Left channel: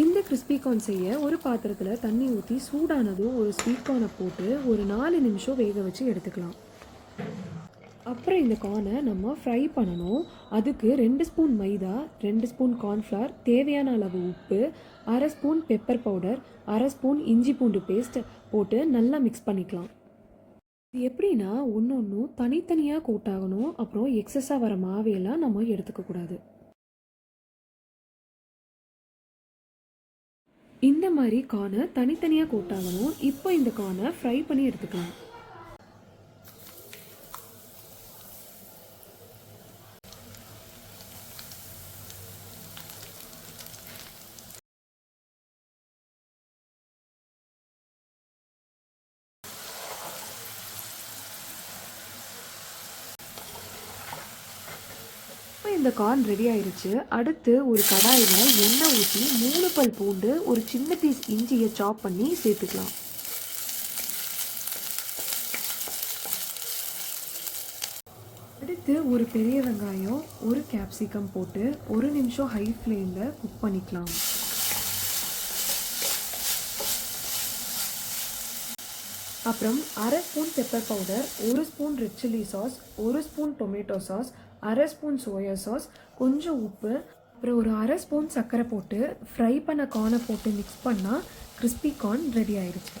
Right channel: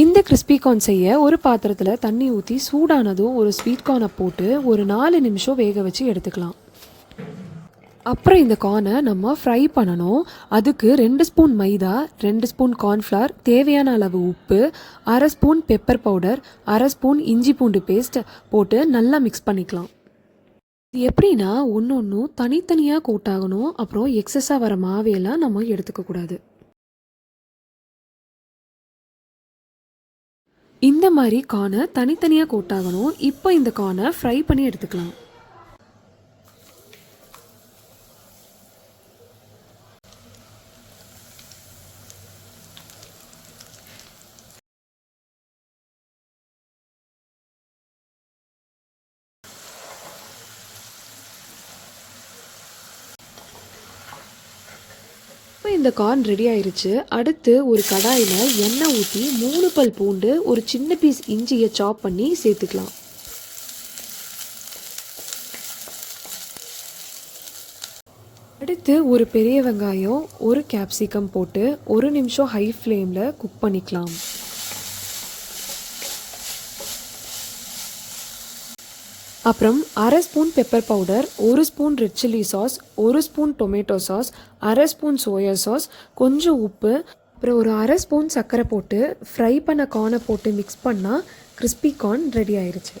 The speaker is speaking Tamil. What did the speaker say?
இந்த கிறிஸ்பி கார்ன் செய்ய ஒரு பாத்திரத்தில் தண்ணி ஊற்றி சூடானதும் ஒரு ஸ்வீட் கார்னை போட்டு ஒரு 4 நிமிஷம் வேக வச்சு எடுத்துக்கலாம். அப்புறம் இந்த கார்னை நம்ம ஃப்ரை பண்ணணும். அதுக்கு 2 ஸ்பூன் மைதா, 2 ஸ்பூன் கார்ன்ஃப்ளவர், தேவையான அளவு உப்பு, 1/2 ஸ்பூன் பெப்பர் பவுடர், 1/2 ஸ்பூன் இஞ்சி பூண்டு பேஸ்ட் போட்டு நல்லா மிக்ஸ் பண்ணிக்கலாம். இது எப்படின்னா ஒன்று ஒன்றும் தனித்தனியாக கோட்டாகணும். அப்புறம் எக்ஸஸாக வர மாவையெல்லாம் நம்ம எடுத்துக்கக்கூடாது. இந்த மாதிரி கார்னை தனித்தனியாக கோட்டாகணும். இப்போ இந்த கார்னை ஃப்ரை பண்ணி எடுத்துக்கலாம். இப்போ இந்த கார்ன் ரெடி ஆயிருச்சு. அடுத்து ஒரு கடாயில் எண்ணெய் ஊற்றி 3 பல் பூண்டு, ஒரு சின்ன பீஸ் இஞ்சியை சாப் பண்ணி சேர்த்துக்கலாம். அடுத்து ஒரு பெரிய வெங்காயம், ஒரு கேப்சிகம் போட்டு 1 நிமிஷம் ஹை ஃப்ளேமில் குக் பண்ணிக்கலாம். அப்புறம் 1/2 spoon pepper powder, 1 spoon red chilli sauce, 1 spoon tomato sauce, 1/2 spoon soya sauce, கொஞ்சம் உப்பு, அப்புறம் ஒரு 1/2 ஸ்பூன் சர்க்கரை போட்டு ஃப்ரை பண்ண கார்னை போட்டு மிக்ஸ் பண்ணால் கிறிஸ்பி கார்ன் ரெடி ஆயிடுச்சு.